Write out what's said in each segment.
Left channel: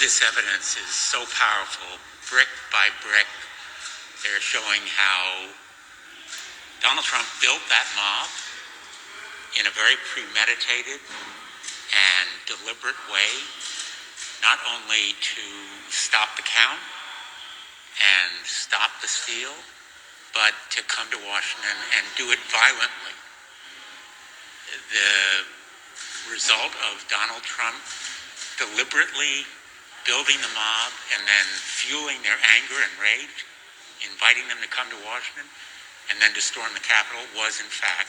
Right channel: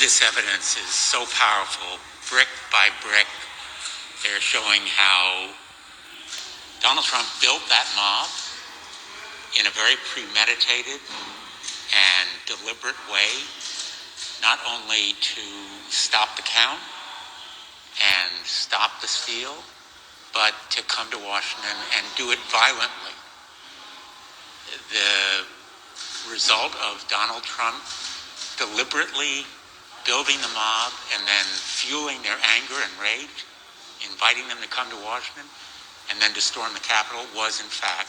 This evidence is so powerful. Brick by brick, they're showing how Donald Trump built that mob in a very premeditated and deliberate way, not only to stop the count and stop the steal, but to come to Washington and do it violently. The result of Donald Trump deliberately building the mob and then fueling their anger and rage, inviting them to come to Washington, and then to storm the Capitol was, in fact,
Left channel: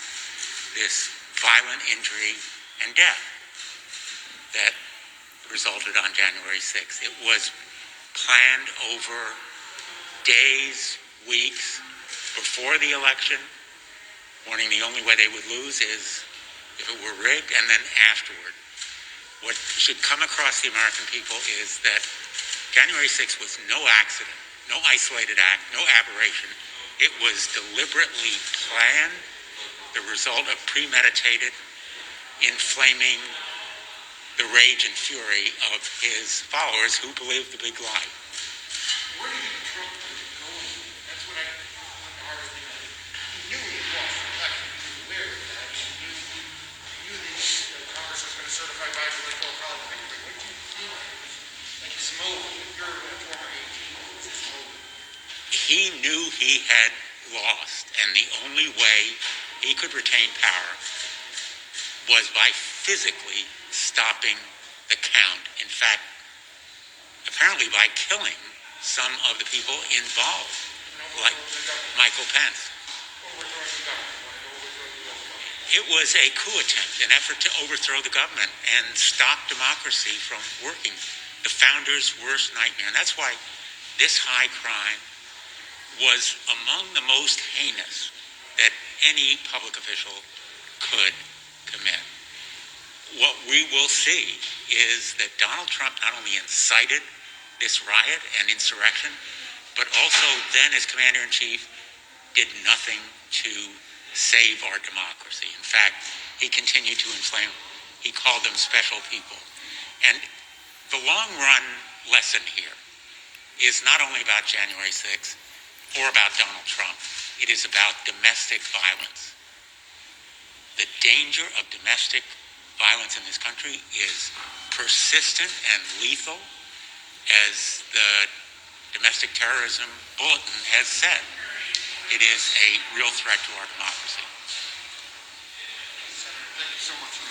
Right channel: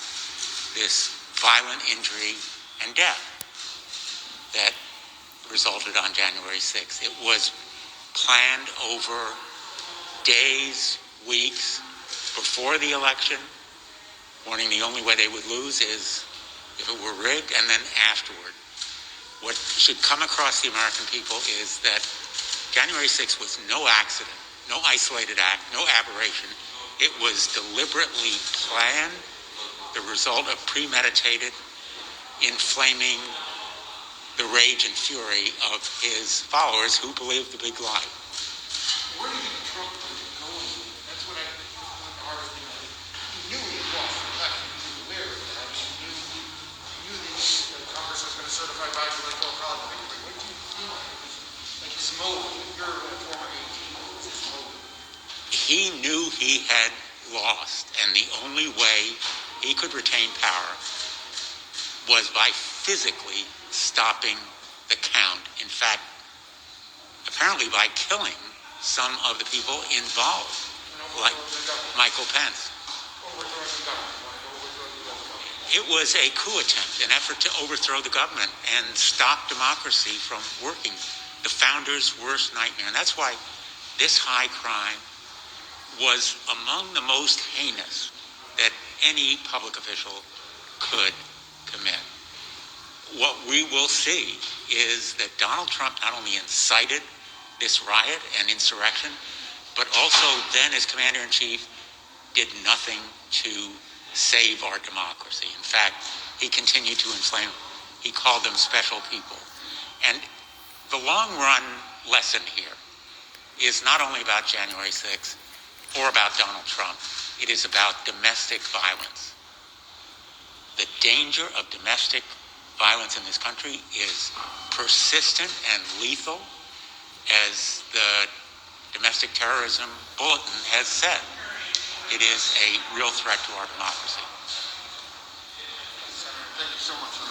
this violent injury and death that resulted on January 6th. It was planned over days, weeks before the election, warning the only way they would lose is if it were rigged, and then afterward. What should come across the American people is that January 6th was no accident, no isolated act, no aberration. It was deliberately planned, the result of premeditated, inflaming the rage and fury of his followers who believed the big lie. Where do you think Trump was going? That's what the hardest thing. He knew he lost the election. He was aware of that. He knew the Congress was going to certify Biden's electoral college victory. What did you feel like? It was like his mode. You're a former AG. What was his mode? He knew he had lost, and the only way he could retain power was by physically stopping the count. In fact, apparently by killing some of the people involved, like Michael Pence. It was a coup attempt, an effort to overthrow the government and stop democracy from working. The founders' worst nightmare. And that's why this high crime was among the most heinous that any public official could commit. What we will see is that Donald Trump not only incited this riot and insurrection, but also then as commander-in-chief did nothing to save our democracy. In fact, he continued to inflame. He called them special people. And the long-run lesson here is not only about January 6th or about Donald Trump. It is about domestic violence. The danger of domestic violence in this country is persistent and lethal, as the Domestic Terrorism Bulletin has said. It is a real threat to our democracy. Thank you so much for